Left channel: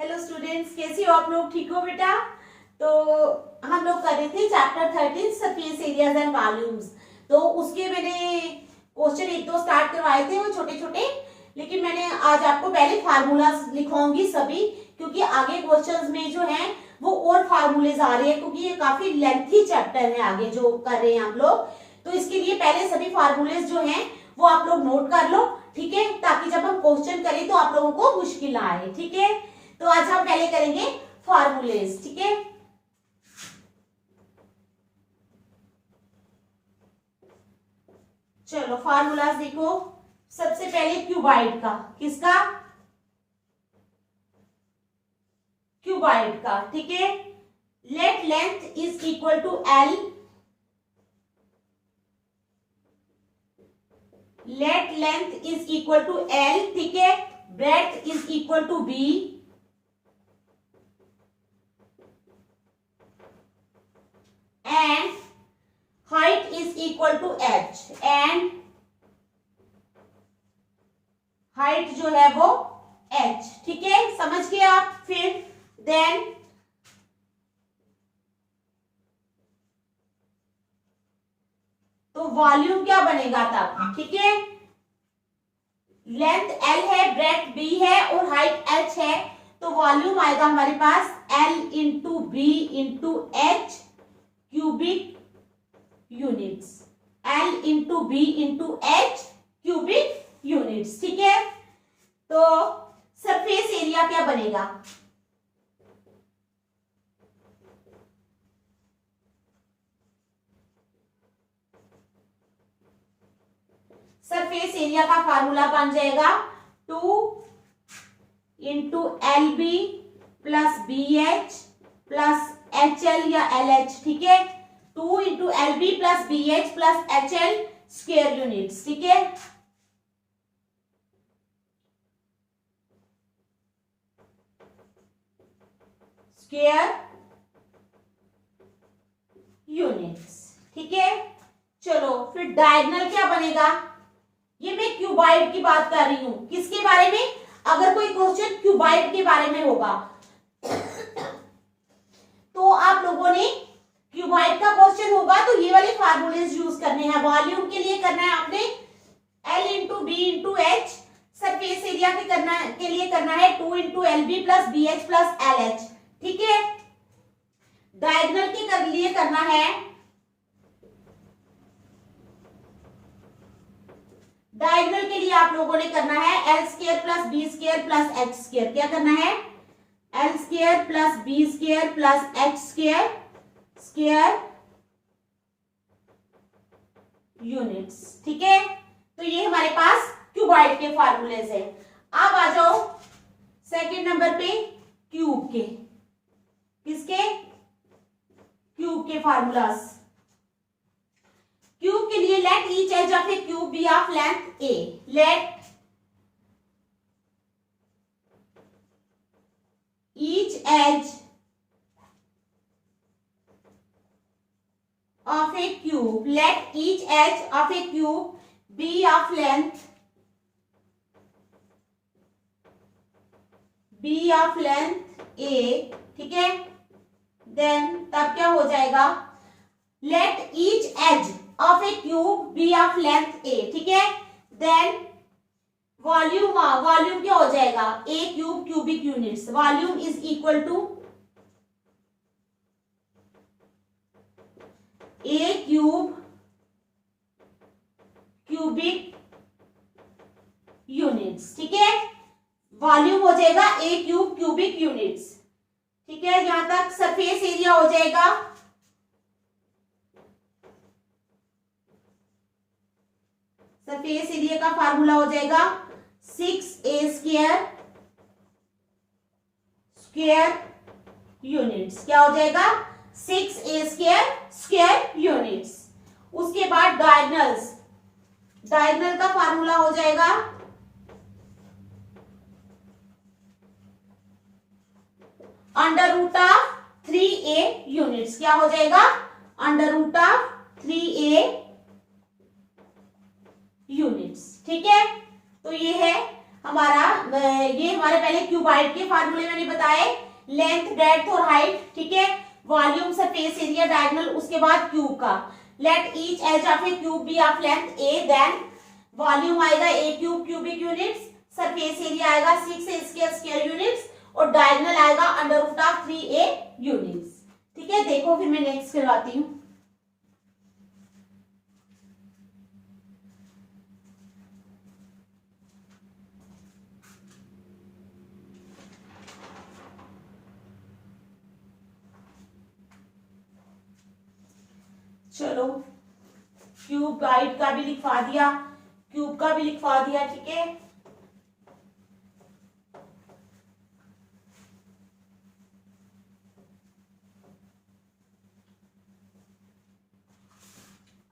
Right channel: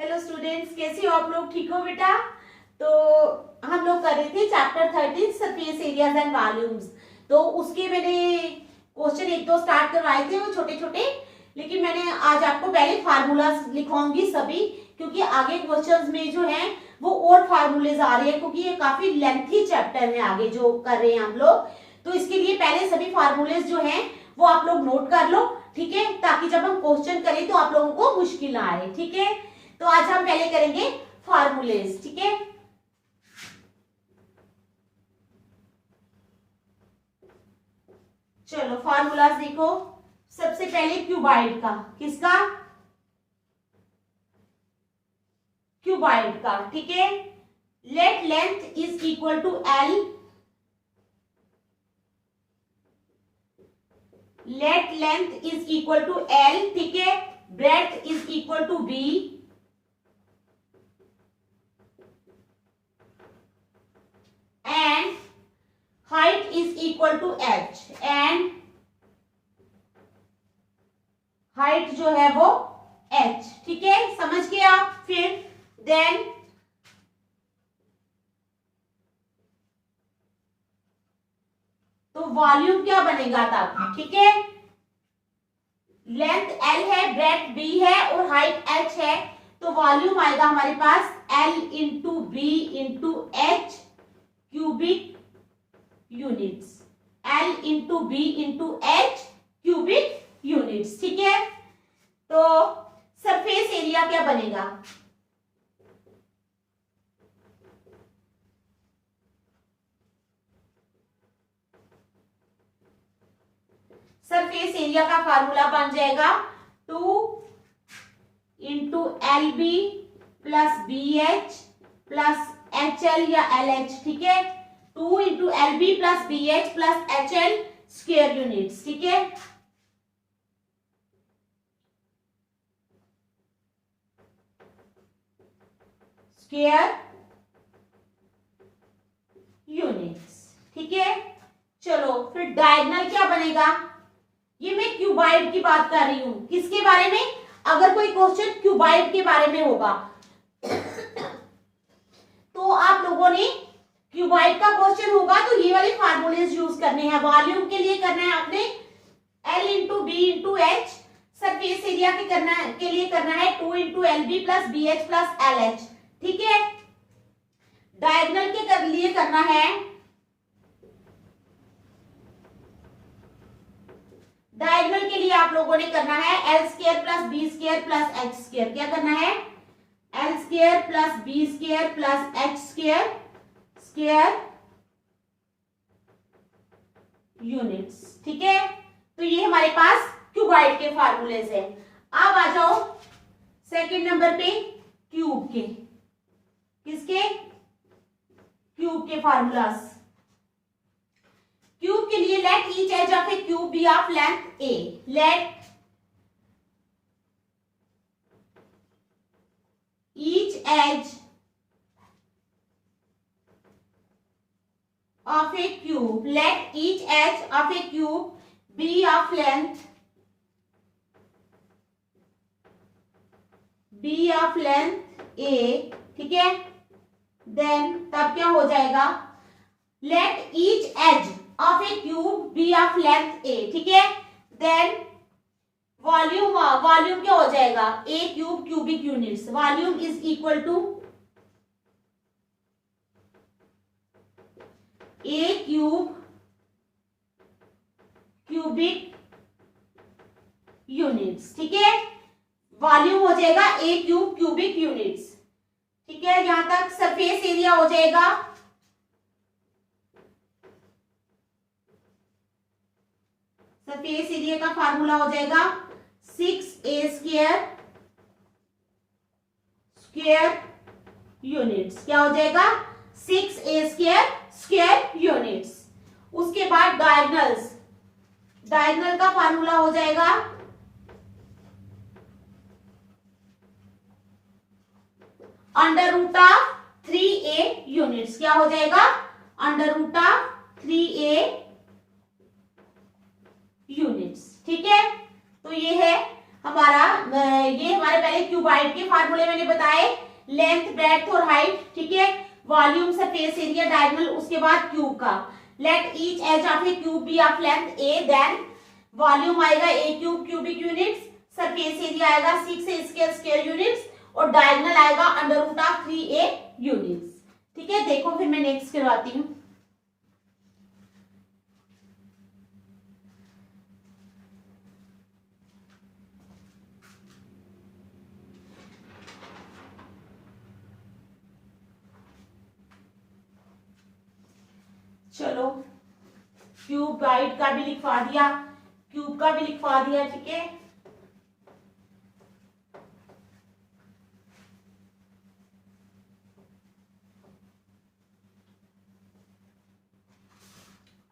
Hello students, कैसे हो आप लोग? ठीक हो बेटा? तो हम लोग कर रहे थे chapter 13 surface areas and volumes. तो उसके मैंने क्वेश्चन एक दो स्टार्ट करवाए थे, वो छोटे छोटे, लेकिन मैंने आज आपको पहले फार्मूलाज लिखवाऊंगी सभी, क्योंकि आगे क्वेश्चंस में जो है वो और फार्मूलेज आ रहे हैं, क्योंकि ये काफी लेंथी चैप्टर है आगे जो कर रहे हैं हम लोग। तो इसके लिए पहले सभी फार्मूलेज जो हैं वो आप लोग नोट कर लो, ठीक है, ताकि जब हम क्वेश्चन करें तो आप लोगों को मुश्किल ना आए, ठीक है। तो आज हम पहले करेंगे फार्मूलेज, ठीक है। चलो फार्मूलाज देखो। सबसे पहले क्यूबाइड का, किसका? क्यूबाइड का, ठीक है। Let length is equal to L, let length is equal to L, ठीक है। Breadth is equal to B, and height is equal to h, and height जो है वो h, ठीक है, समझ गए आप? फिर देन तो वॉल्यूम क्या बनेगा तब, ठीक है। लेंथ l है, ब्रेड्थ b है और हाइट h है, तो वॉल्यूम आएगा हमारे पास l into B into H cubic units, L into B into H cubic units, ठीक है। तो सरफेस एरिया क्या बनेगा? सरफेस एरिया का फार्मूला बन जाएगा 2 into L B plus B H plus H L या एल एच, ठीक है। 2 into L B plus B H plus H L square units, ठीक है। स्क्वायर यूनिट्स, ठीक है। चलो फिर डायगोनल क्या बनेगा? ये मैं क्यूबाइड की बात कर रही हूं। किसके बारे में? अगर कोई क्वेश्चन क्यूबाइड के बारे में होगा तो आप लोगों ने क्यूबाइड का क्वेश्चन होगा तो ये वाले फार्मूलेज यूज करने हैं। वॉल्यूम के लिए करना है आपने L into B into H, surface area के लिए करना है 2 into L B plus B H plus L H, ठीक है। डायगोनल के लिए करना है, डायगोनल के लिए आप लोगों ने करना है L square plus B square plus H square. क्या करना है? L square plus B square plus H square square units, ठीक है। तो ये हमारे पास क्यूबाइड के फार्मूलेज है। अब आ जाओ सेकंड नंबर पे क्यूब के। किसके? क्यूब के फार्मूलाज। क्यूब के लिए let each edge of a cube be of length a, let each edge of a cube, let each edge of a cube be of length a, ठीक है। Then तब क्या हो जाएगा? let each edge of a cube be of length a, ठीक है। Then volume क्या हो जाएगा? A cube cubic units, volume is equal to a cube cubic units, ठीक है। वॉल्यूम हो जाएगा ए क्यूब क्यूबिक यूनिट्स, ठीक है। यहां तक सरफेस एरिया हो जाएगा सरफेस एरिया का फार्मूला हो जाएगा 6a स्क्वायर स्क्वायर यूनिट्स। क्या हो जाएगा? 6a square square units. उसके बाद डायगोनल्स, डायगोनल का फार्मूला हो जाएगा under root of 3a units. क्या हो जाएगा? Under root of 3a units, ठीक है। तो ये है हमारा, ये हमारा हमारे पहले क्यूबाइड के फार्मूले मैंने बताए, लेंथ, ब्रेड्थ और हाइट, ठीक है, वॉल्यूम, सरफेस एरिया, डायगोनल, उसके बाद क्यूब का। Let each edge of a cube be of length a, then volume आएगा a cube cubic units, surface area आएगा 6 स्क्वायर स्क्वायर यूनिट्स और डायगोनल आएगा under root of 3a units. ठीक है, देखो फिर मैं नेक्स्ट करवाती हूँ। चलो, क्यूबाइड का भी लिखवा दिया, क्यूब का भी लिखवा दिया, ठीक है।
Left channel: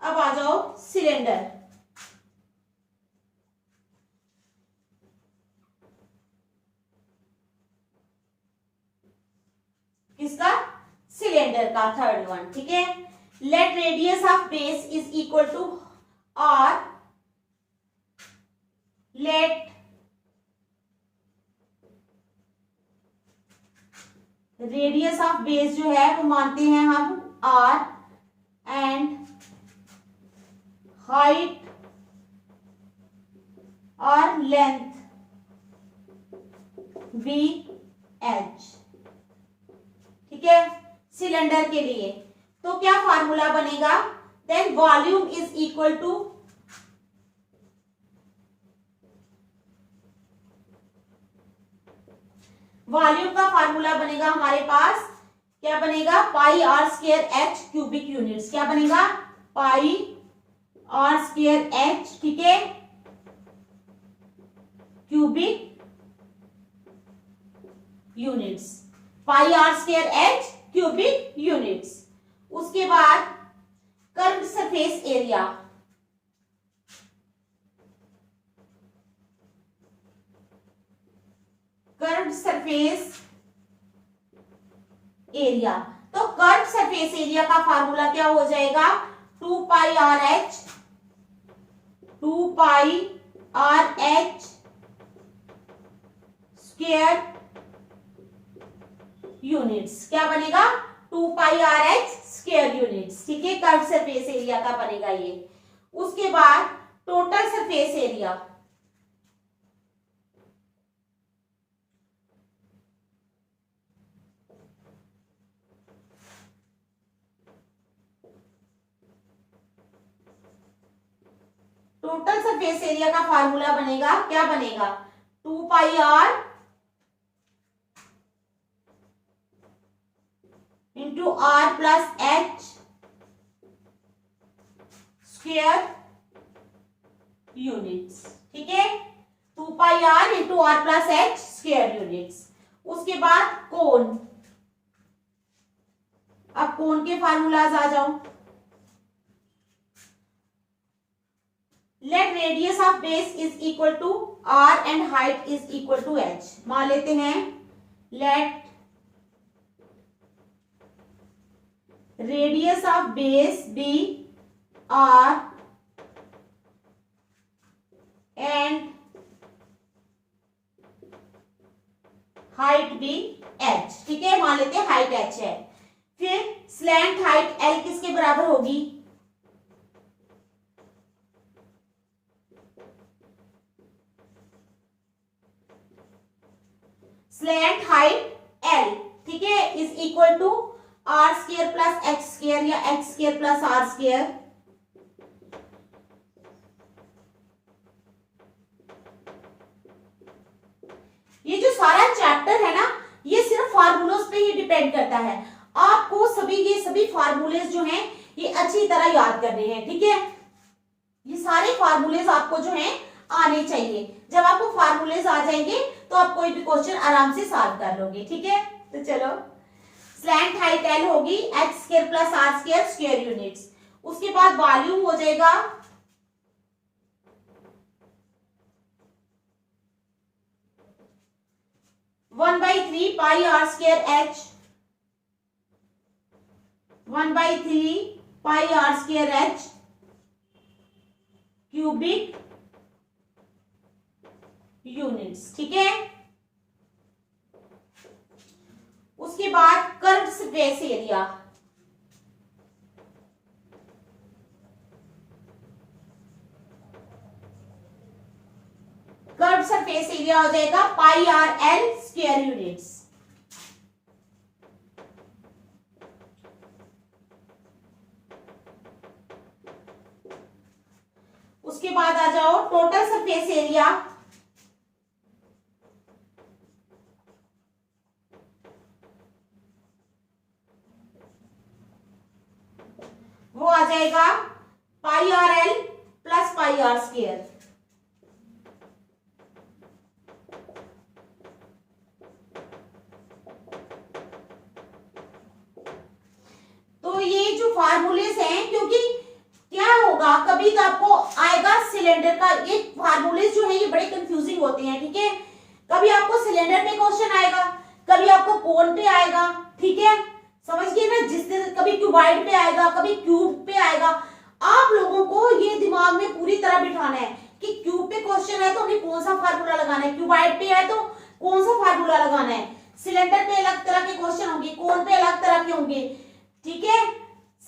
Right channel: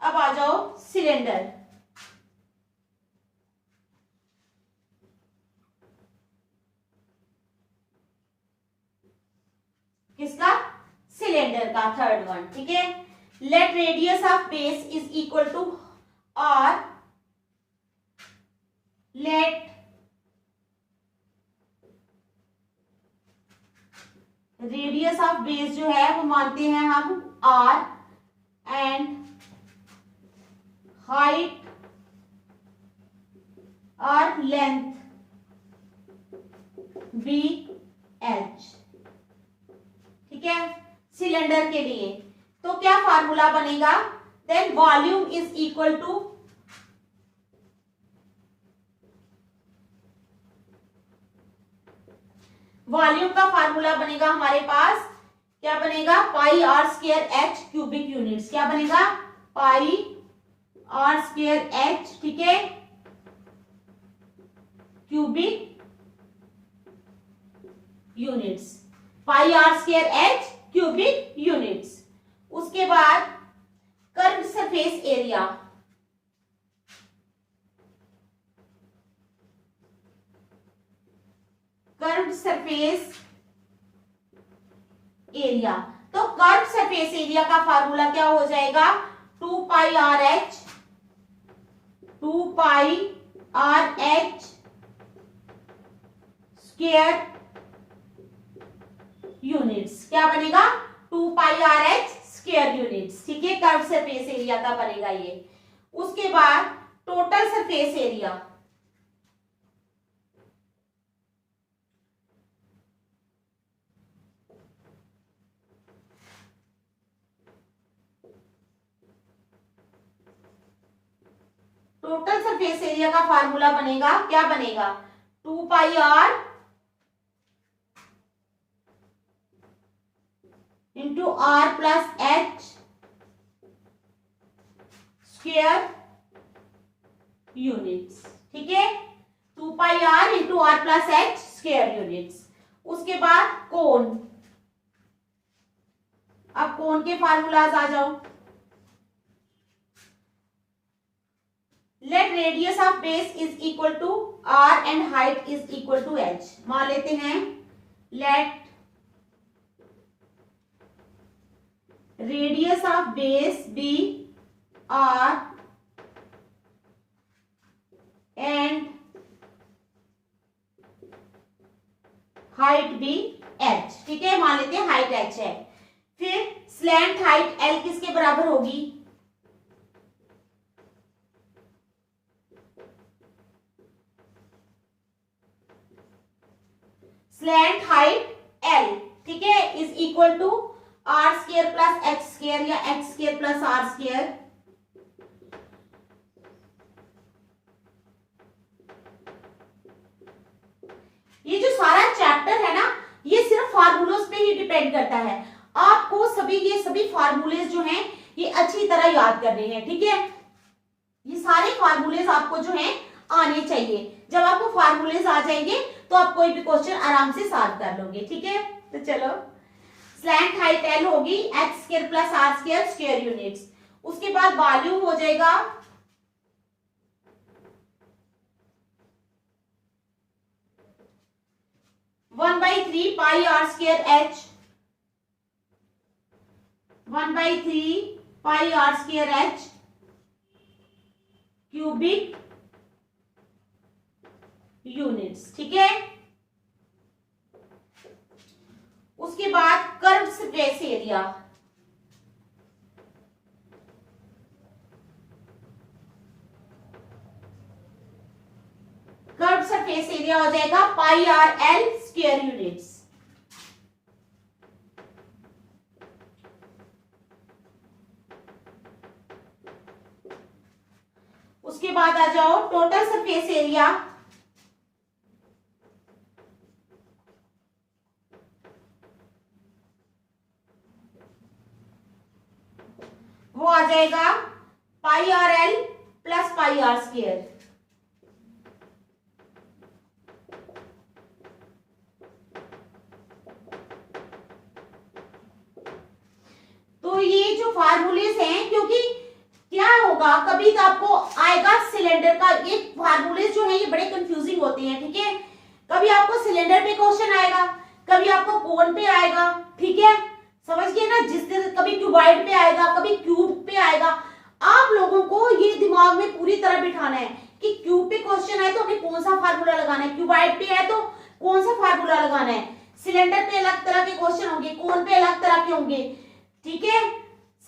अब आ जाओ सिलेंडर। किसका? सिलेंडर का, थर्ड वन, ठीक है। Let radius of base is equal to r, let radius of base जो है वो मानते हैं हम आर, एंड हाइट और लेंथ बी एच, ठीक है, सिलेंडर के लिए। तो क्या फार्मूला बनेगा? Then volume is equal to volume का फार्मूला बनेगा हमारे पास, क्या बनेगा? Pi r square h cubic units. क्या बनेगा? पाई आर स्क्वायर एच, ठीक है, cubic units, pi r square h cubic units. उसके बाद curved surface area, curved surface area. तो कर्व्ड सरफेस एरिया का फार्मूला क्या हो जाएगा? 2 pi R H, 2 pi R H square units. क्या बनेगा? 2 pi R H square units, ठीक है, कर्व सरफेस एरिया का बनेगा ये। उसके बाद total surface area, total surface area का फार्मूला बनेगा, क्या बनेगा? 2 pi r into r plus H square units, ठीक है, 2 pi r into r plus H square units. उसके बाद कोन, अब कोन के फार्मूलाज आ जाओ। Let radius of base is equal to r and height is equal to h. मान लेते हैं let radius of base be r and height B h, ठीक है, मान लेते हैं हाइट एच है। फिर स्लैंट हाइट एल किसके बराबर होगी? स्लैंट हाइट एल, ठीक है, is equal to r square plus H square या h square plus r square. ये जो सारा चैप्टर है ना, ये सिर्फ फार्मूलोज पे ही डिपेंड करता है। आपको ये सभी फार्मूलेज जो हैं ये अच्छी तरह याद करने हैं, ठीक है। ये सारे फार्मूलेज आपको जो हैं आने चाहिए। जब आपको फार्मूलेज आ जाएंगे तो आप कोई भी क्वेश्चन आराम से सॉल्व कर लोगे, ठीक है। तो चलो, स्लैंट हाइट एल होगी h square plus r square square units. उसके बाद वॉल्यूम हो जाएगा 1/3 pi r square h, 1/3 pi r square h cubic units, ठीक है। Surface area. Curve surface area हो जाएगा pi r l square units. उसके बाद आ जाओ टोटल सरफेस एरिया। वो आ जाएगा pi r l plus pi r square. तो ये जो फार्मूलेस हैं, क्योंकि क्या होगा कभी तो आपको आएगा सिलेंडर का, ये फार्मूलेस जो है ये बड़े कंफ्यूजिंग होते हैं, ठीक है। कभी आपको सिलेंडर पे क्वेश्चन आएगा, कभी आपको कोन पे आएगा, ठीक है, समझ गए ना। जिस दिन कभी क्यूबॉइड पे आएगा, कभी क्यूब पे आएगा। आप लोगों को ये दिमाग में पूरी तरह बिठाना है कि क्यूब पे क्वेश्चन है तो हमें कौन सा फार्मूला लगाना है, क्यूबॉइड पे है तो कौन सा फार्मूला लगाना है, सिलेंडर पे अलग तरह के क्वेश्चन होंगे, कोन पे अलग तरह के होंगे, ठीक है।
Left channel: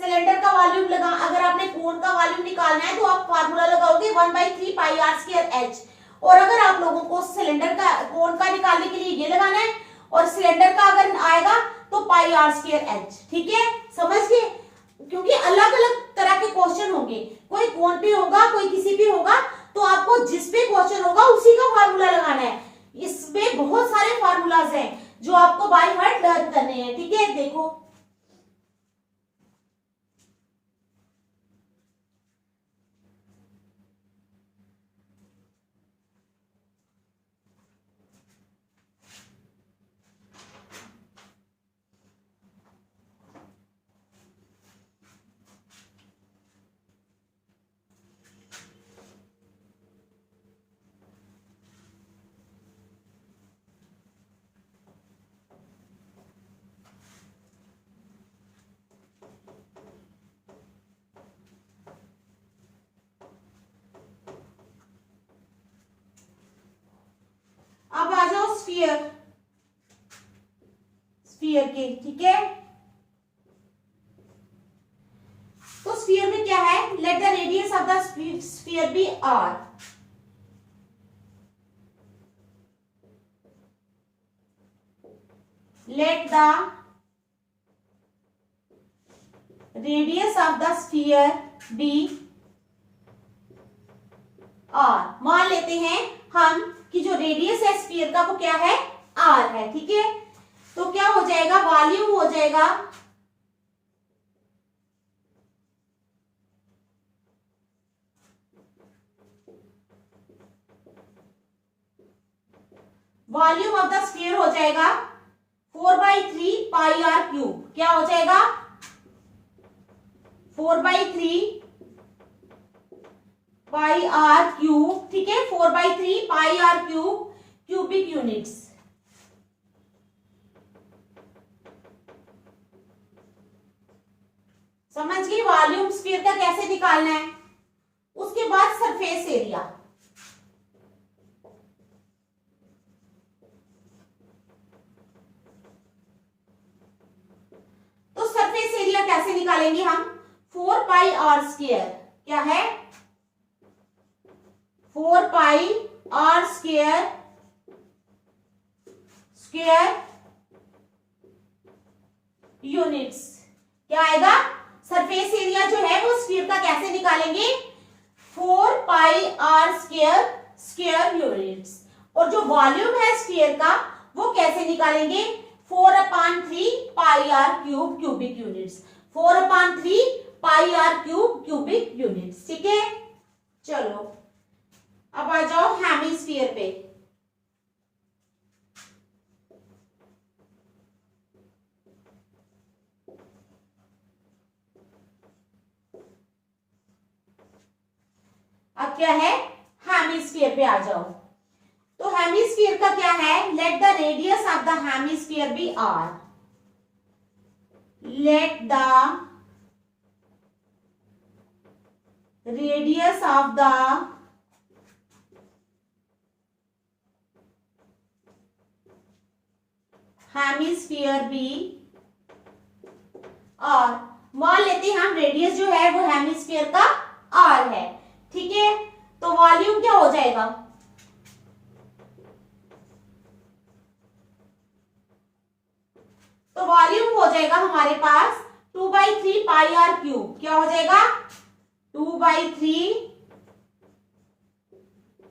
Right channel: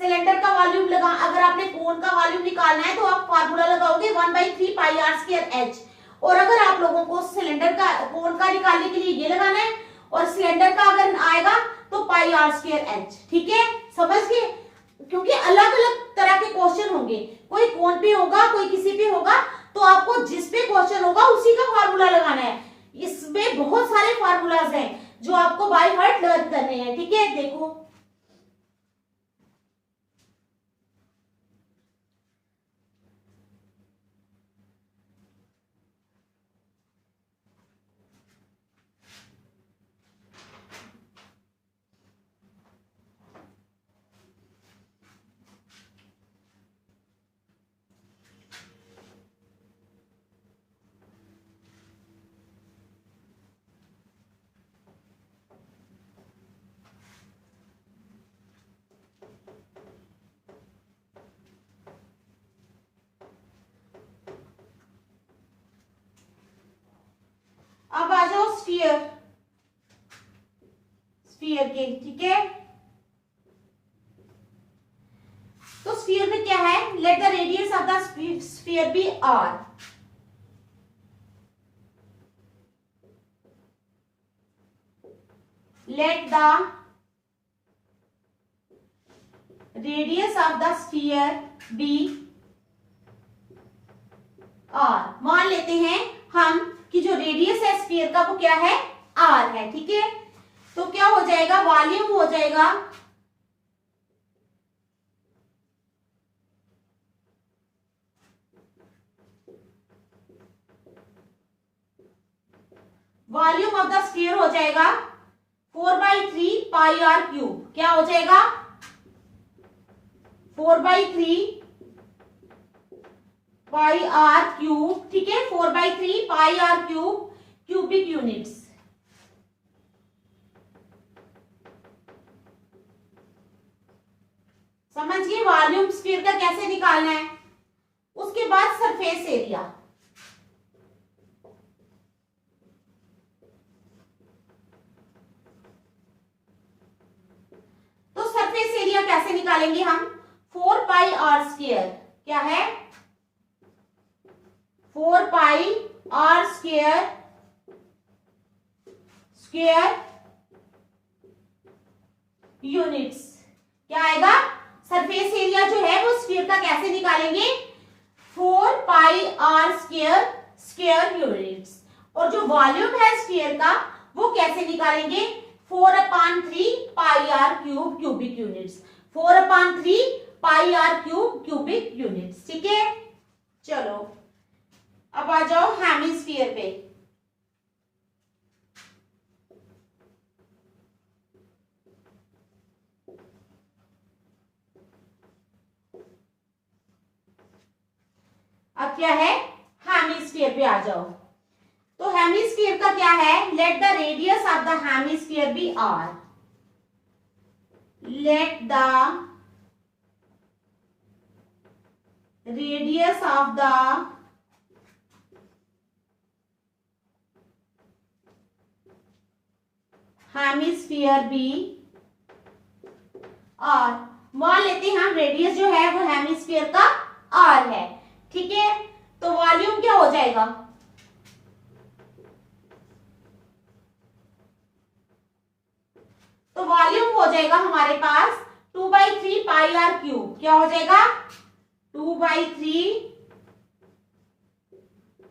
सिलेंडर का वॉल्यूम लगा, अगर आपने कोन का वॉल्यूम निकालना है तो आप फार्मूला लगाओगे 1/3 पाई आर स्क्वायर एच। और अगर आप लोगों को सिलेंडर का कोन का निकालने के लिए ये लगाना है और सिलेंडर का अगर आएगा तो पाई आर स्क्वायर एच, ठीक है, समझ गए। क्योंकि अलग अलग तरह के क्वेश्चन होंगे, कोई कोन पे होगा, कोई किसी पे होगा, तो आपको जिस पे क्वेश्चन होगा उसी का फार्मूला लगाना है। इसमें बहुत सारे फार्मूलाज हैं जो आपको बाय हार्ट लर्न करने हैं, ठीक है। देखो अब आ जाओ स्फीयर, स्फीयर के, ठीक है। तो स्फीयर में क्या है, let the radius of the sphere be R. Let the radius of the sphere be R. मान लेते हैं हम कि जो रेडियस है स्फीयर का वो क्या है, आर है, ठीक है। तो क्या हो जाएगा, वॉल्यूम हो जाएगा वॉल्यूम ऑफ द स्फीयर हो जाएगा 4/3 पाई आर क्यूब। क्या हो जाएगा, 4/3 पाई आर क्यूब, ठीक है, 4/3 pi r cube cubic units. समझ गए वॉल्यूम स्फीयर का कैसे निकालना है। उसके बाद सरफेस एरिया। तो सरफेस एरिया कैसे निकालेंगे हम, 4 पाई आर स्क्वायर, क्या है, 4 पाई आर स्क्वायर यूनिट्स। क्या आएगा, सरफेस एरिया जो है वो स्फीयर का कैसे निकालेंगे, 4 पाई आर स्क्वायर यूनिट्स। और जो वॉल्यूम है स्फीयर का वो कैसे निकालेंगे, 4/3 pi r cube cubic units, 4/3 pi r cube cubic units, ठीक है। चलो अब आ जाओ हेमिस्फीयर पे। अब क्या है, हेमिस्फीयर पे आ जाओ। तो हेमिस्फीयर का क्या है, let the radius of the hemisphere be R. Let the radius of the hemisphere be और मान लेते हैं हम रेडियस जो है वो हेमिस्फीयर का आर है, ठीक है। तो वॉल्यूम क्या हो जाएगा, तो वॉल्यूम हो जाएगा हमारे पास 2/3 पाई आर क्यूब। क्या हो जाएगा, 2/3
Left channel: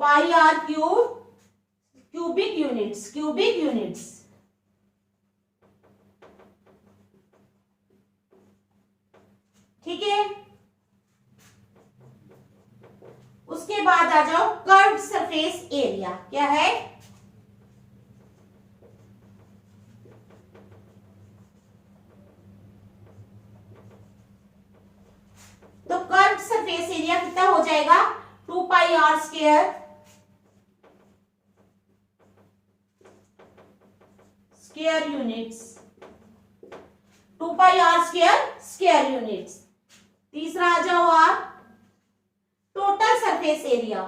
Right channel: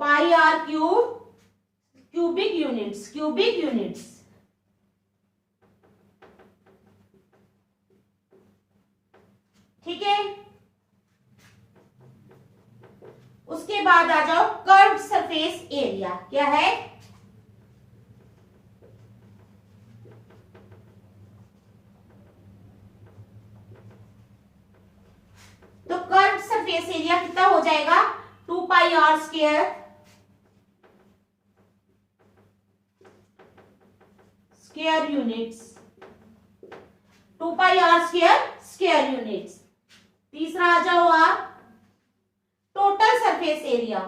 pi r cube, cubic units, cubic units, ठीक है। उसके बाद आ जाओ कर्व्ड सरफेस एरिया। क्या है, तो कर्व्ड सरफेस एरिया कितना हो जाएगा, 2 pi r square, square units, 2 pi r square, square units. तीसरा आ जाओ आप टोटल सरफेस एरिया,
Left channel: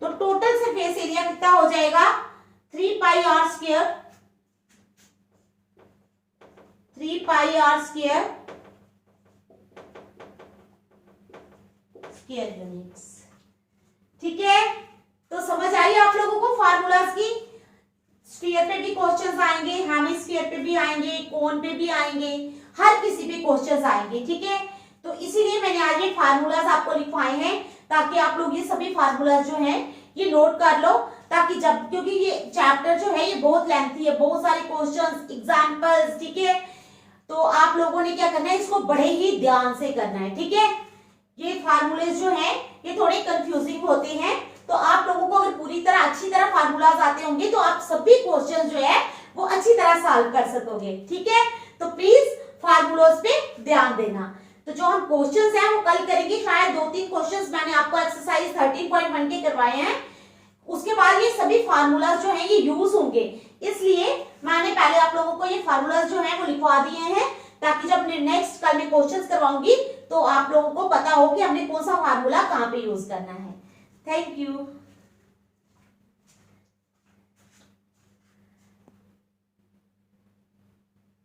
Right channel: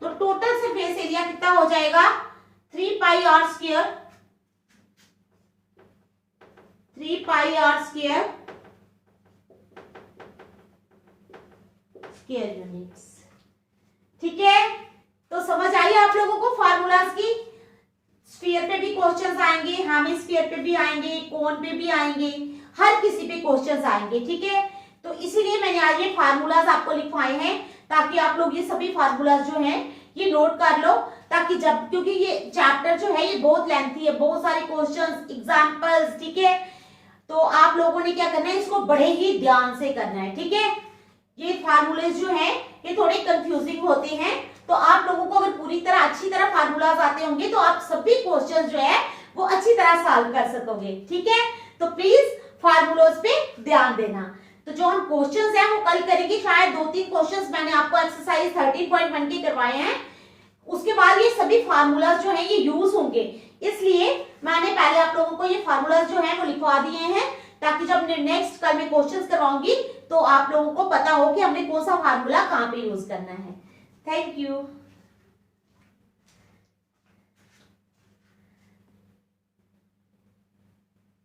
तो टोटल सरफेस एरिया कितना हो जाएगा, 3 pi r square, 3 pi r square, square units, ठीक है। तो समझ आई आप लोगों को फार्मूलाज की। स्फीयर पे भी क्वेश्चंस आएंगे, हेमिस्फीयर पे भी आएंगे, कोन पे भी आएंगे, हर किसी पे क्वेश्चंस आएंगे, ठीक है। तो इसीलिए मैंने आज ये फार्मूलाज आपको लिखवाए हैं, ताकि आप लोग ये सभी फार्मूलाज जो हैं ये नोट कर लो, ताकि जब, क्योंकि ये चैप्टर जो है ये बहुत लेंथी है, बहुत सारे क्वेश्चंस, एग्जांपल्स, ठीक है। तो आप लोगों ने क्या करना है, इसको बड़े ही ध्यान से करना है, ठीक है। ये फार्मूले जो है ये थोड़े कंफ्यूजिंग होते हैं, तो आप लोगों को अगर पूरी तरह अच्छी तरह फार्मूलाज आते होंगे तो आप सभी क्वेश्चन जो है वो अच्छी तरह सॉल्व कर सकोगे, ठीक है। तो प्लीज फार्मूलाज पे ध्यान देना। तो जो हम क्वेश्चंस हैं वो कल करेंगे, शायद 2-3 क्वेश्चंस मैंने आपको एक्सरसाइज 13.1 के करवाए हैं। उसके बाद ये सभी फार्मूलाज जो है ये यूज होंगे, इसलिए मैंने पहले आप लोगों को ये फार्मूलाज जो है वो लिखवा दिए हैं, ताकि जब नेक्स्ट कल में क्वेश्चंस करवाऊंगी तो आप लोगों को पता हो कि हमने कौन सा फार्मूला कहाँ पे यूज करना है। Thank you.